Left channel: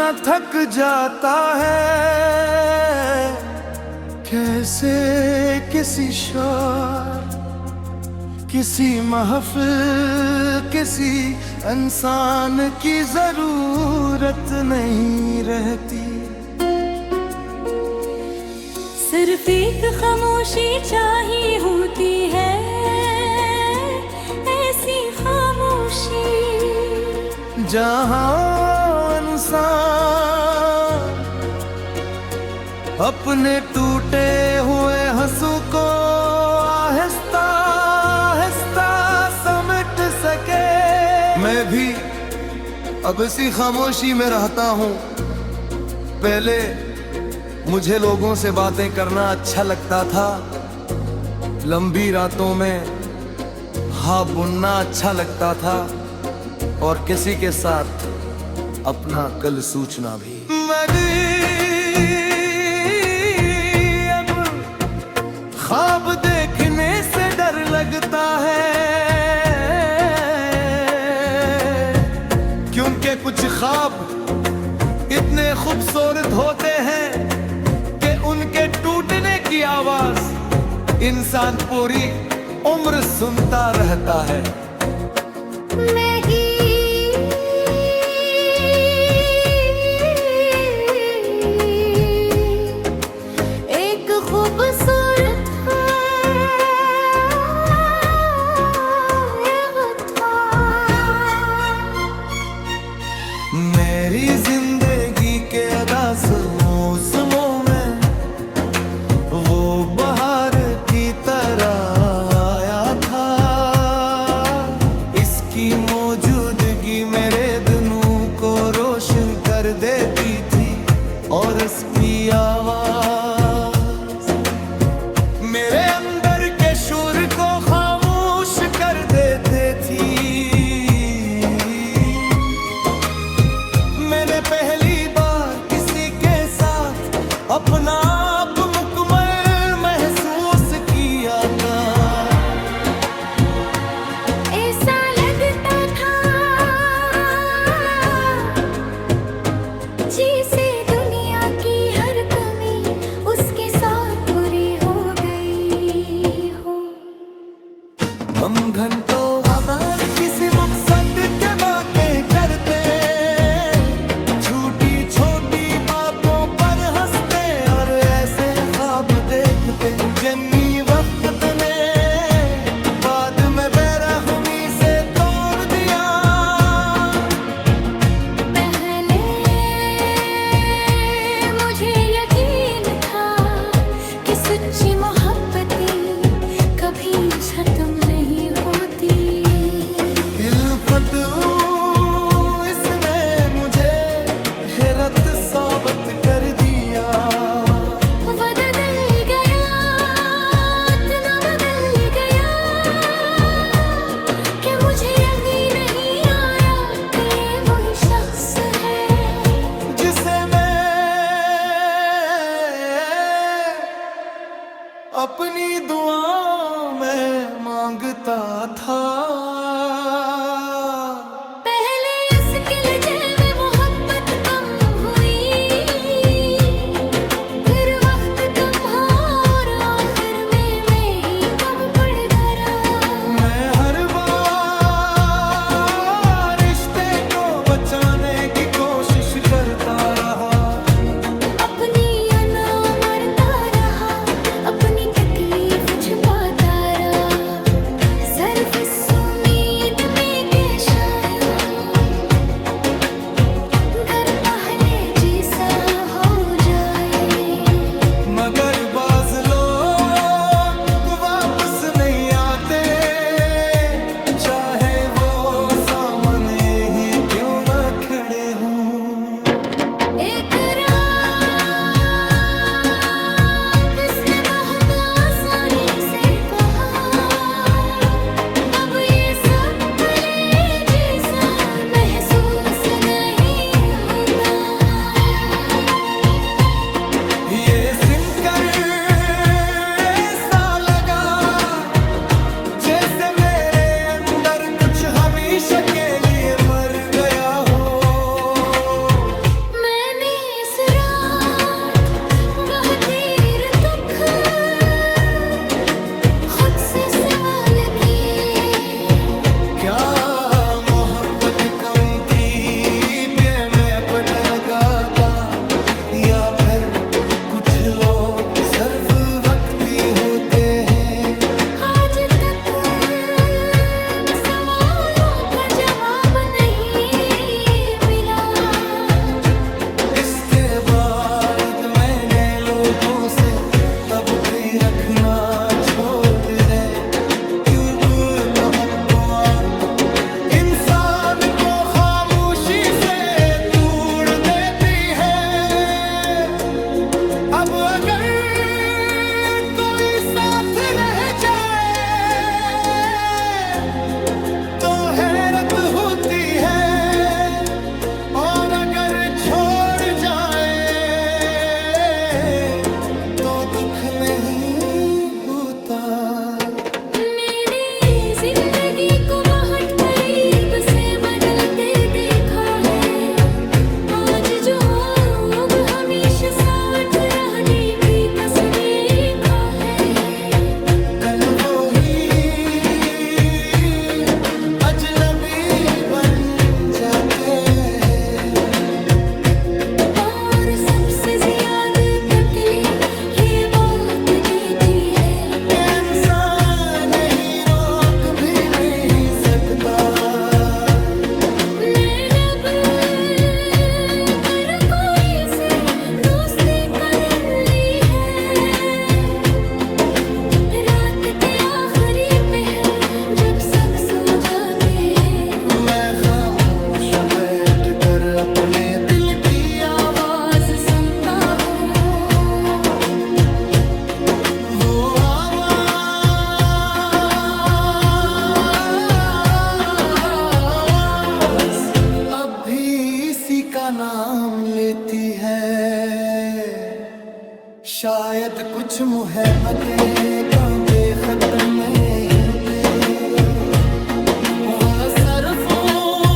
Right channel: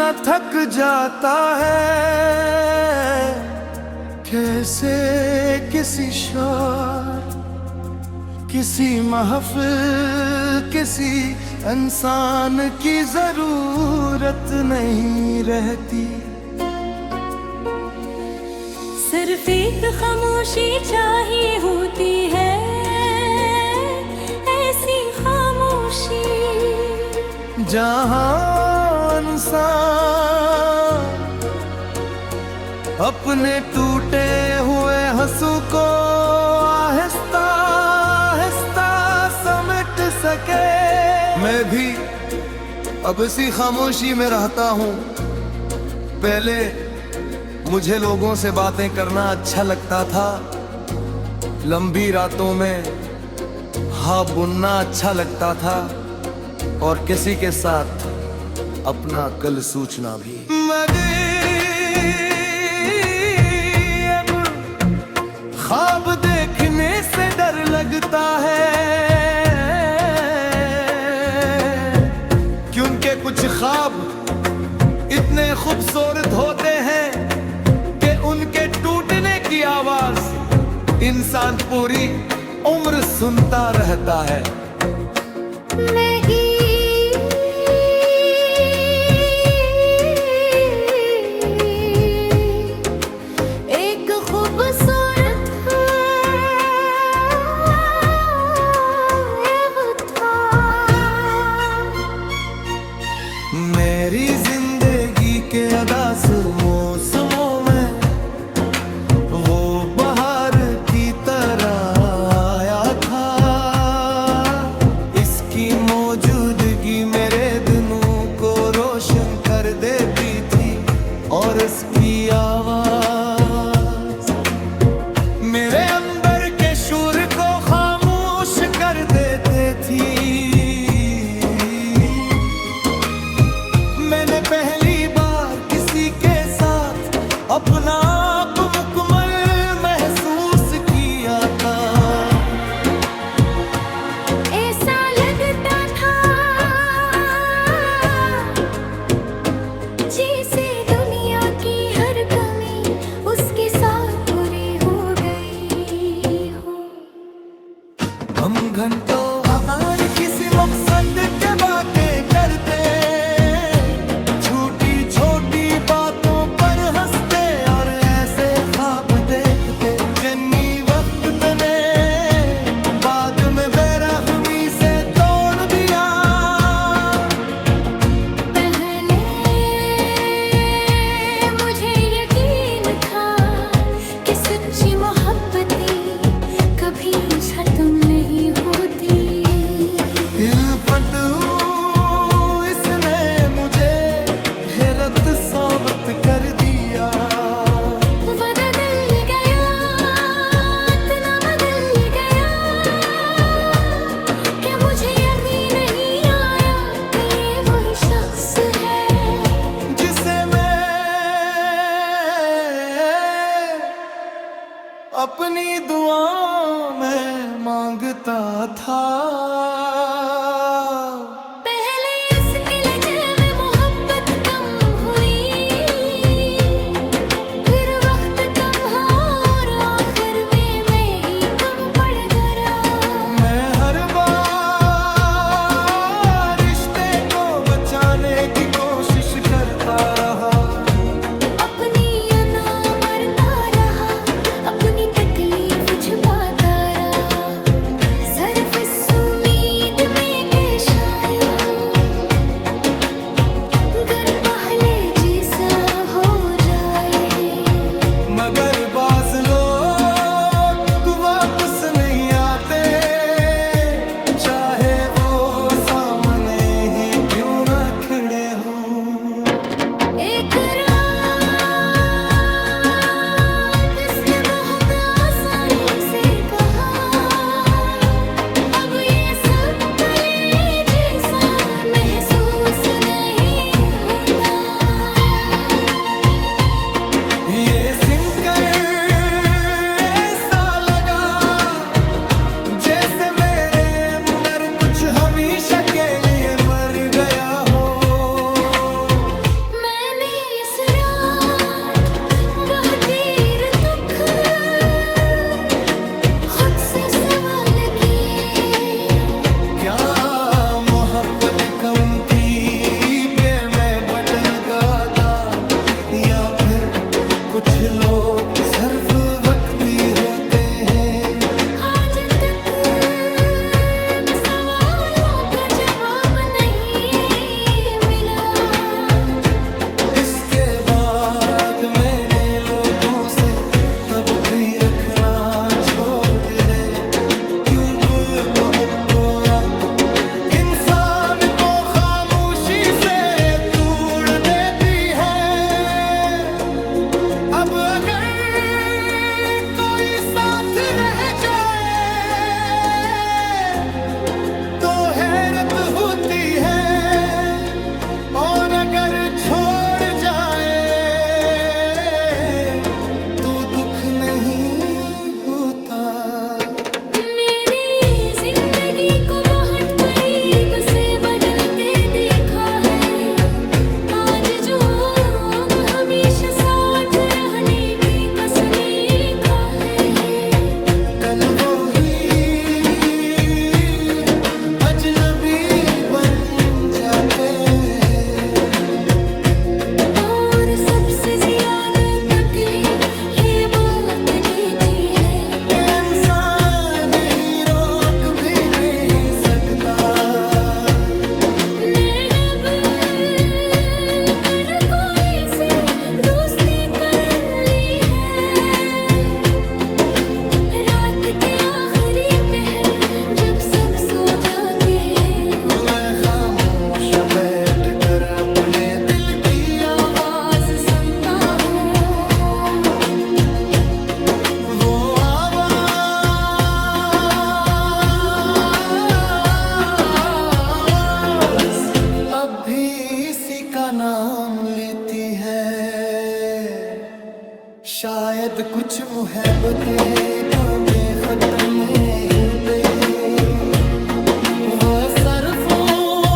न थक जाता है। कैसे किसी शार, किसी महफिल, किसी इंसान की जरूरत नहीं रहती। सिर्फ एक खामोशी चाहिए होती है, ऐसी खामोशी जहां इंसान अपने टूटे हुए हंसू को आहिस्ता आहिस्ता समेट सके। मैं भी अब इसी खामोशी में रहता हूँ। पहले मुझे लोगों से बातें करना अच्छा लगता था, लंबी रातों में भाव बुनना अच्छा लगता था, और किसी के साथ अपना कल सोचना भी। अब ख्वाब देखने से डर लगता है, क्योंकि कुछ ख्वाब इतने खूबसूरत होते हैं कि उनके टूटने की आवाज इंसान पूरी उम्र सुनता रहता है। नहीं एक खूबसूरत मेरी जिंदगी के अदास मौसमों में वो बहार की तरह आया था। इसकी मौजूदगी मेरे दिनों को रोशन कर देती थी, और इसकी आवाज मेरे अंदर के शोर को खामोश कर देती थी। मैंने पहली बार किसी के साथ अपना आप मुकम्मल महसूस किया था। ऐसा लगता था जैसे दुनिया की हर कमी उसके साथ पूरी हो गई हो। हम घंटों हमारे किसी मकसद के बातें करते, छोटी छोटी बातों पर हंसते, और ऐसे ख्वाब देखते जिन्हीं वक्त ने बाद में बेरहमी से तोड़ दिया। पहले मुझे यकीन था कि सच्ची मोहब्बतें कभी खत्म नहीं होती। इसने मुझे हैरत साबित कर दिया। बदल गया, इतना बदल गया कि मुझे यकीन नहीं आया कि ये वही शख्स है जिसे मैं अपनी दुआओं में मांगता था। पहले इसके लहजे में मोहब्बत कम हुई, फिर वक्त कम हुआ और आखिर में मैं ही कम पड़ गया। मैं हर बार रिश्ते को बचाने की कोशिश करता रहा, अपनी अना मरता रहा, अपनी तकलीफ छुपाता रहा, सिर्फ इस उम्मीद में के शायद घर पहले जैसा हो जाए। मगर बाज लोग वापस नहीं आते, चाहे वो सामने ही क्यों न खड़े हों। एक रात इसने बहुत आसानी से कहा, अब ये सब पहले जैसा महसूस नहीं होता। ये सुनकर ऐसा लगा जैसे मेरे अंदर कुछ हमेशा के लिए मर गया हो। मैं आंख कम थी पे मैं बटन गाता, या फिर कुछ लोग सिर्फ वक्ती होते हैं। आज तक सवालों का जवाब नहीं मिला। इसके बाद मैंने लोगों से तबकी रखना छोड़ दे, क्योंकि तो इंसान को खामोशी से तोड़ देती है। अब अगर कोई साथ रह जाए तो हैरत होती है, और अगर छोड़ जाए तो दुख नहीं होता। मैंने जिंदगी को बहुत करीब से बदलते देखा है। आज जो लोग हमेशा साथ रहने की कसमें खा है, कल वो ही अजनबी बन जाते हैं। और सबसे ज्यादा तकलीफ ये बात देती है, इंसान नहीं रोक भी नहीं सकता। मैं जब कर कोई से दोस्ती कर ली है, रात के आखिरी पहर जब सब सो जाते हैं, मैं खामोश बैठ कर अपने दिल की आवाज सुनता हूँ। वो आवाज अब भी इसी का नाम लेती है। शायद कुछ मोहब्बतें का बेखत्म में होते, वह सरफों